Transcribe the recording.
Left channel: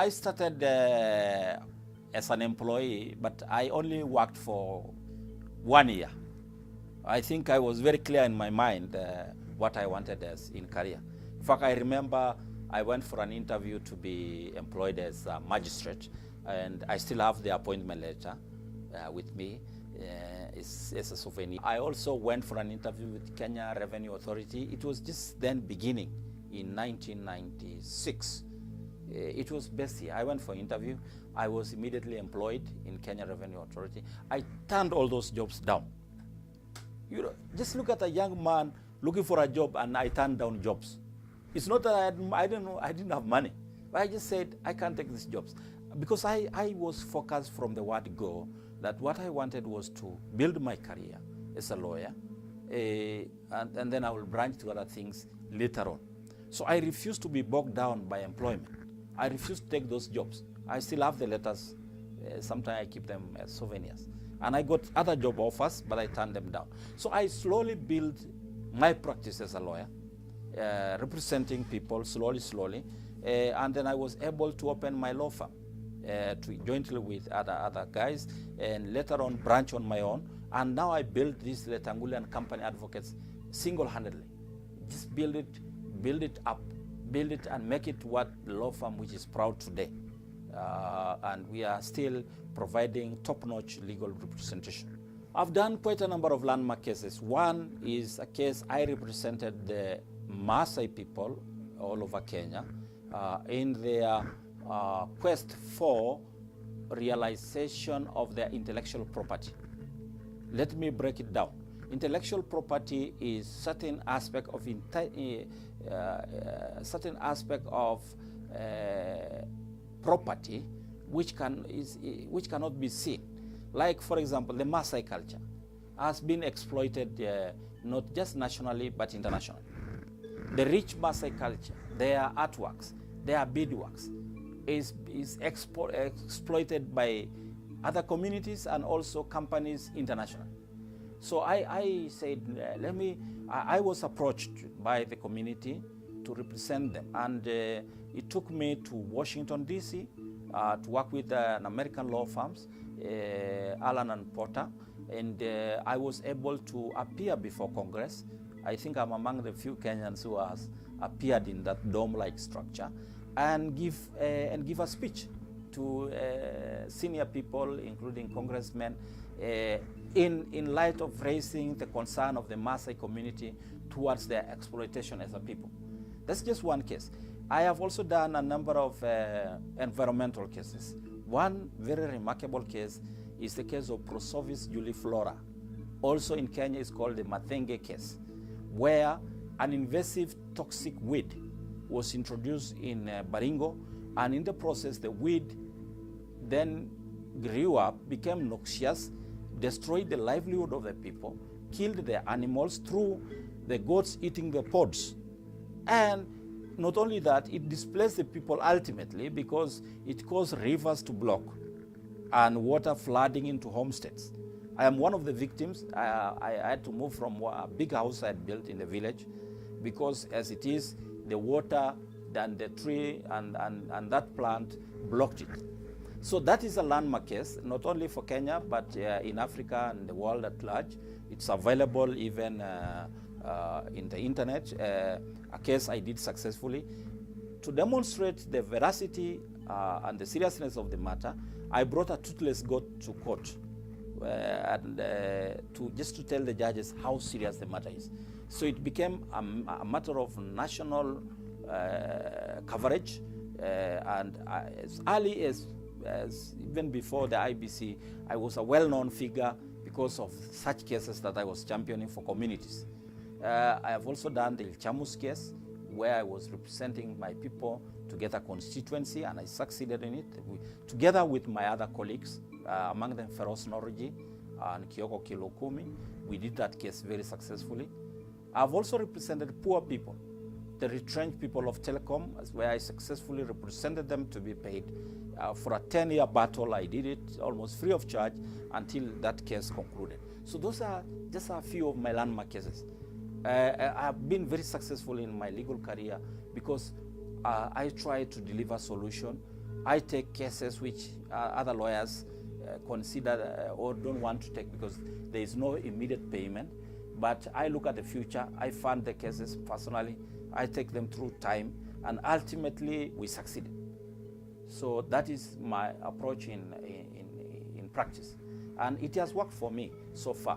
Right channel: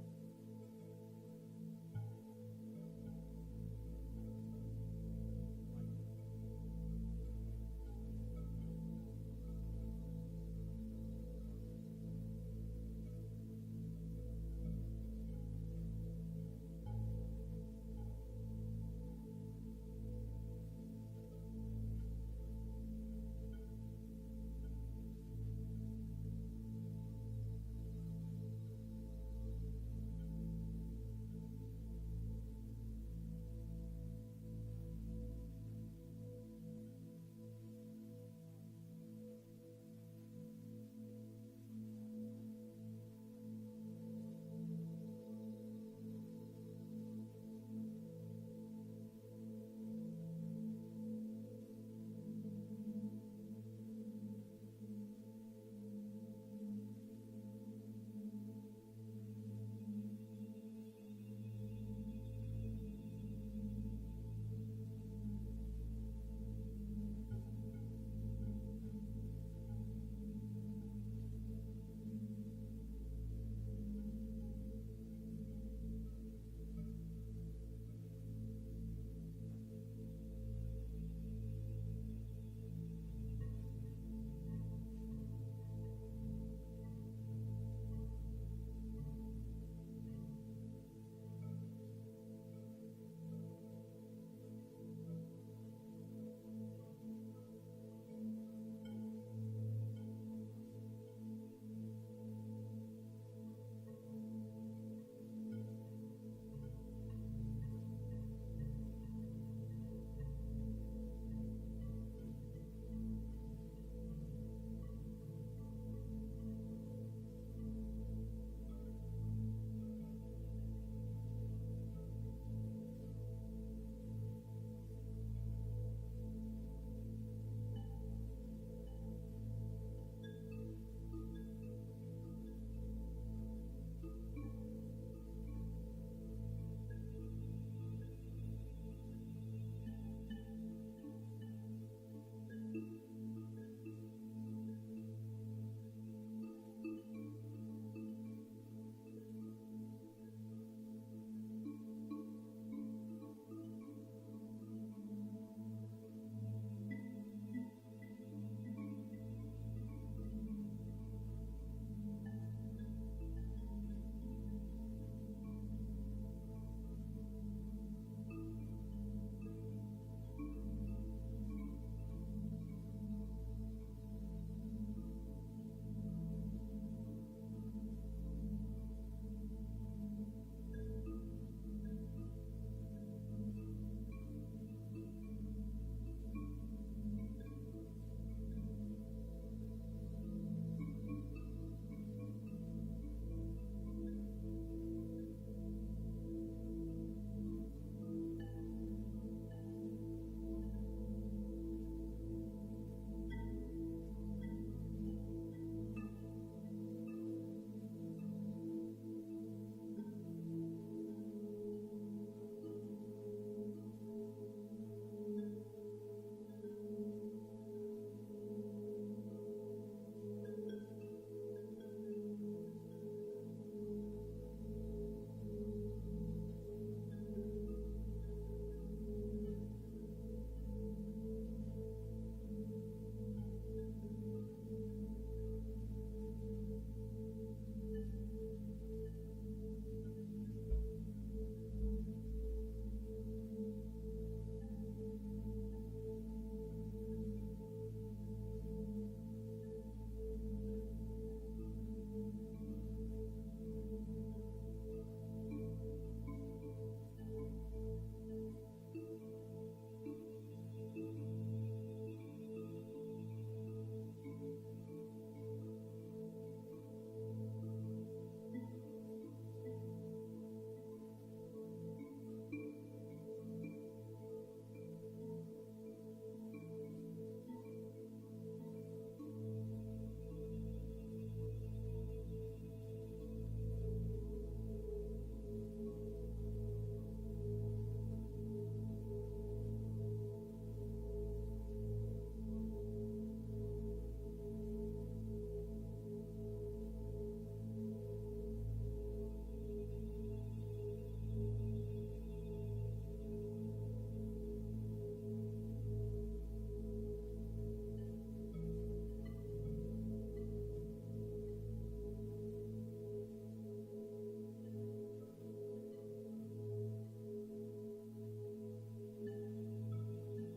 I started as an employee, but I only worked for 1 year. I think I was very clear in my mind what I wanted as in career. In fact, I remember I went for an interview to be employed as a magistrate, and I still have the appointment letter with me. It's a souvenir. I also went for an interview with Kenya Revenue Authority. It was just then beginning in 1996. It was best year. I went for interview. I was immediately employed in Kenya Revenue Authority. I turned all those jobs down. You know, just look at a young man looking for a job, and I turned down jobs. It's not that I didn't have money. But I just said, I can't take these jobs. Because I was focused from the word go, that what I wanted was to build my career as a lawyer, and then I will branch to other things later on. So I refused to be bogged down by employment. I refused to take those jobs. I still have the letters. Sometimes I keep them as souvenirs. And I got other job offers, but I turned them down. So I slowly built my practice as a lawyer, representing people slowly. And then I was able to open my law firm jointly with other guys, and later on branch on my own. And now I build this Letangule and Company Advocates single-handedly. Just build it up, build it and make it what the law firm which is proud today. And we are still providing top-notch legal representation. I've done quite a number of landmark cases. One is a case I represented the Maasai people all over Kenya in their quest for realization of their intellectual property. Let me break it down. Intellectual property is certain aspect of property which cannot be seen. Like, for example, the Maasai culture has been exploited not just nationally but internationally. The rich Maasai culture, their artworks, their beadworks is exploited by other communities and also companies internationally. So I said, I was approached by the community to represent them, and it took me to Washington, D.C. To work with an American law firms, Allen and Porter, and I was able to appear before Congress. I think I'm among the few Kenyans who has appeared in that dome-like structure and give a speech to senior people, including congressmen, in light of raising the concern of the Maasai community towards their exploitation as a people. That's just one case. I have also done a number of environmental cases. One very remarkable case is the case of Pheroze juliflora. Also in Kenya, it's called the Mathenge case, where an invasive toxic weed was introduced in Baringo, and in the process, the weed then grew up, became noxious, destroyed the livelihood of the people, killed the animals through the goats eating the pods. And not only that, it displaced the people ultimately because it caused rivers to block and water flooding into homesteads. I am one of the victims. I had to move from a big house I had built in the village because as it is, the water and the tree and that plant blocked it. So that is a landmark case, not only for Kenya, but in Africa and the world at large. It's available even in the internet, a case I did successfully. To demonstrate the veracity and the seriousness of the matter, I brought a toothless goat to court just to tell the judges how serious the matter is. So it became a matter of national coverage, and as early as even before the IBC, I was a well-known figure because of such cases that I was championing for communities. I have also done the Ilchamus case, where I was representing my people to get a constituency, and I succeeded in it, together with my other colleagues, among them Pheroze Nowrojee and Kyoko Kilokumi. We did that case very successfully. I've also represented poor people, the retrenched people of telecom, where I successfully represented them to be paid. For a 10-year battle, I did it almost free of charge until that case concluded. So those are just a few of my landmark cases. I have been very successful in my legal career because I try to deliver solution I take cases which other lawyers consider or don't want to take because there is no immediate payment. But I look at the future, I fund the cases personally, I take them through time, and ultimately we succeeded. So that is my approach in practice. And it has worked for me so far.